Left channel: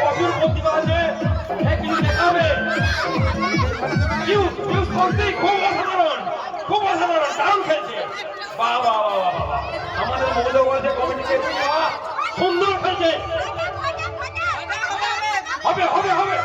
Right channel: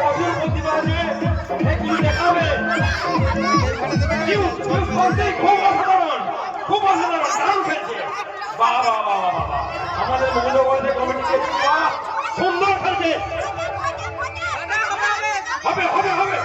প্রচুর প্রতিভা আছে, দেখাবে। খুব অসাধারণ, খুব অসাধারণ, দারুণ খেলছে। বাহ বাহ বাহ বাহ বাহ, আমাদের মহিলা কমিটি সুন্দর খেলছে। হবে হবে হবে,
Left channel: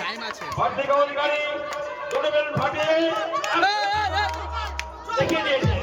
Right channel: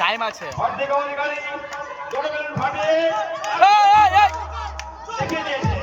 টাইম আছে। দেখিয়ে দিয়েছে।